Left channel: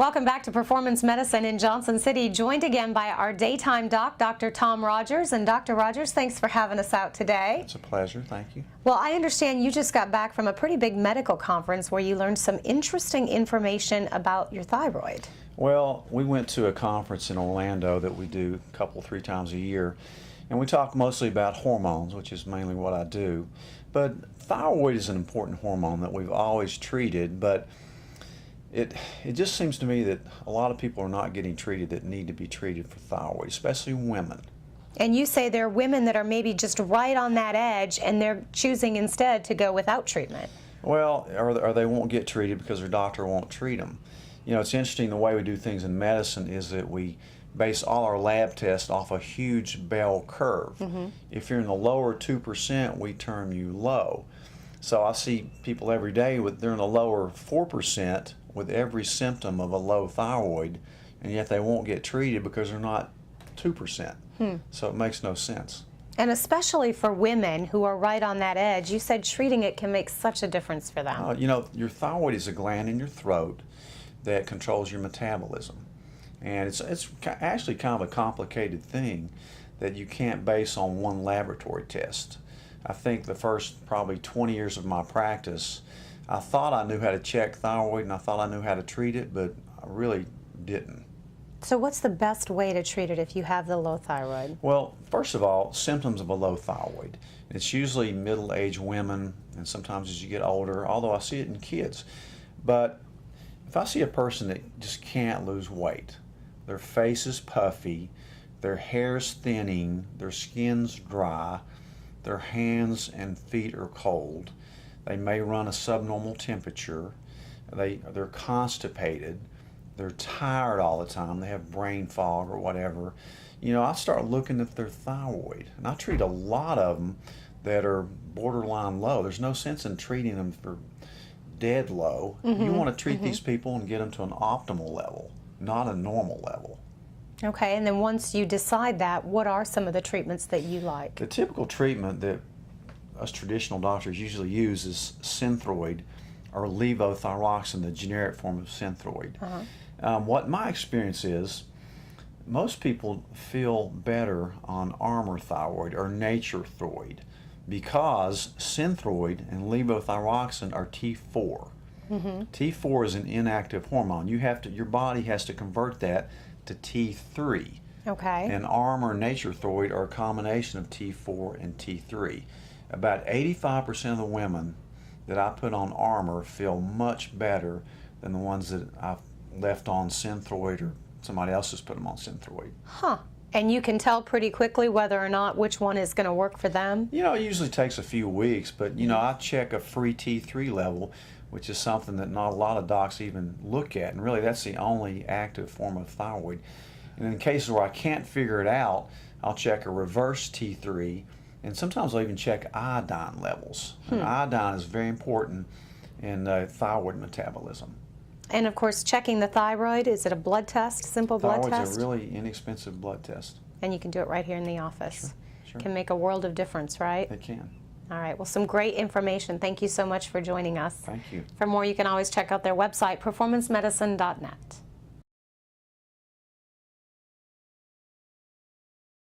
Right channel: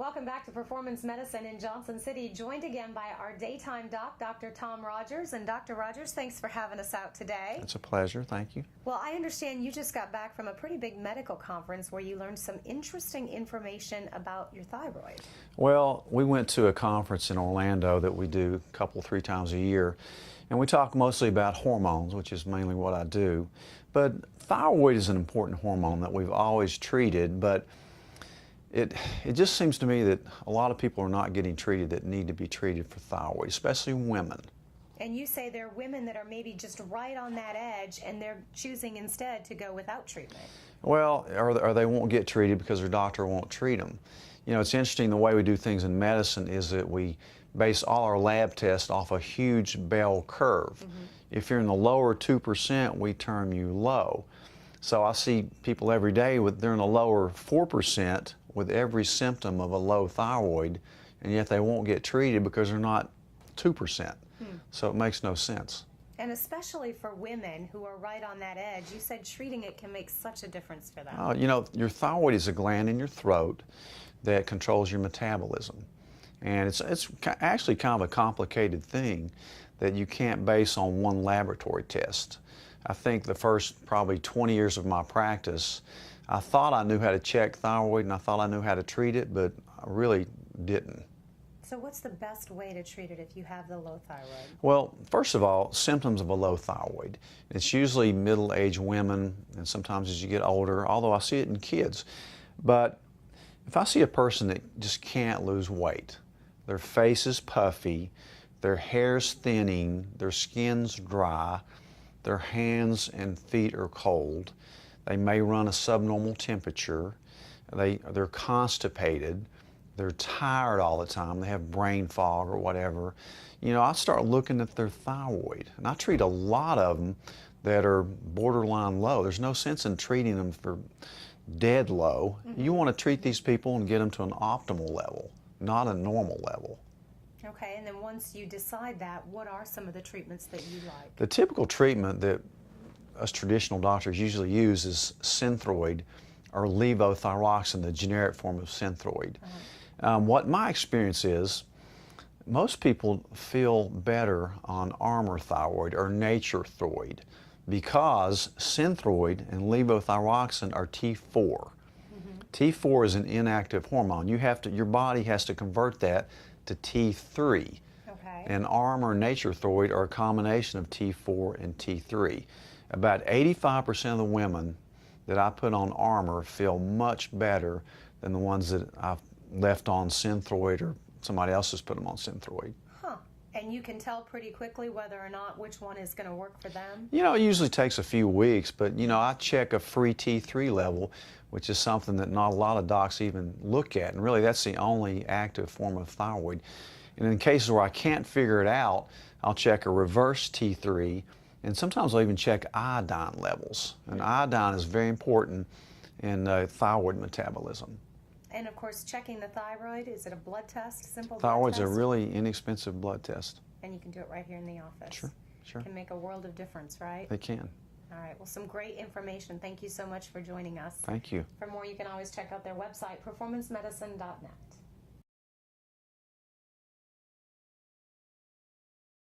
Welcome back to Performance Medicine in Johnson City, joined again by our daytime doc, Dr. Tom Rogers. And Dr. Rogers, thanks for having us out today. It's a pleasure, thank you. Well, I understand you just got back from a pretty big medical conference where you learned some interesting information about your thyroid. Well, we went to a conference in Orlando that we do a couple, 3 times a year, and we talk mostly about hormones, which is mainly what I do. But thyroid is an important hormone that we've always treated, but it just seems to me that a lot of people are not getting treated that need to be treated for thyroid, especially women. And you say there are women that are maybe just right on that edge and they're choosing instead to go without treatment. Well, or they won't get treated because their doctor won't treat them. You know, it's interesting the way we do things in medicine is that we base all our lab tests off a huge bell curve. If you're in the lower 2%, we term you low. So I see people every day they're in the lower 4% with every symptom of a low thyroid, and yet they won't get treated because they're not 2%. So it makes no sense. And especially for women who are right on that edge, you said treating it can make such a difference for them. You know, your thyroid is a gland in your throat that controls your metabolism. And it's actually kind of a complicated thing that you can't base on one laboratory test. I think the first probably 20 years of my practice, I thought I knew how to check thyroid and I thought I knew how to treat it, but I really didn't. So what's the best way to treat it if you have the low thyroid? Well, first of all, symptoms of a low thyroid. It's usually middle-aged women and sometimes as you get older, although I see it in kids. But if I see a person that just can't lose weight, their face is puffy, their hair's thinning, their skin's dry, their hands and feet are cold, they may run a subnormal temperature, they're constipated, they're tired all the time, they have brain fog or whatever, you know, I start looking at their thyroid. And I treat a lot of them that are borderline low. There's no sense in treating them for dead low. You want to treat these people and get them to an optimal level, not a normal level. Okay, and then once you decide that, what are some of the treatments that you like? The typical treatment that us traditional doctors usually use is Synthroid or levothyroxine, the generic form of Synthroid. What my experience is, most people feel better on Armour thyroid or Nature thyroid because Synthroid and levothyroxine are T4. T4 is an inactive hormone. Your body has to convert that to T3. Okay. And Armour and Nature thyroid are a combination of T4 and T3. About 85% of the women that I put on Armour feel much better than the ones that I've left on Synthroid or somebody else has put them on Synthroid. Huh. And you can tell pretty quickly whether or not which one is going to work for them? You know, it usually takes a few weeks, but you know, I check a free T3 level, which is something that not a lot of docs even look at, and really that's the only active form of thyroid. And in cases where I can't figure it out, I'll check a reverse T3, and sometimes I'll even check iodine levels. And iodine is very important in thyroid metabolism. And of course, checking the thyroid, is it a blood test, simple blood test? Thyroid's a really inexpensive blood test. And you can do it right here in the office. Sure. Can make a world of difference, right? It can. All right, well, some great information. Thank you so much for joining us. Thank you. For more, you can always check out their website, performancemedicine.net.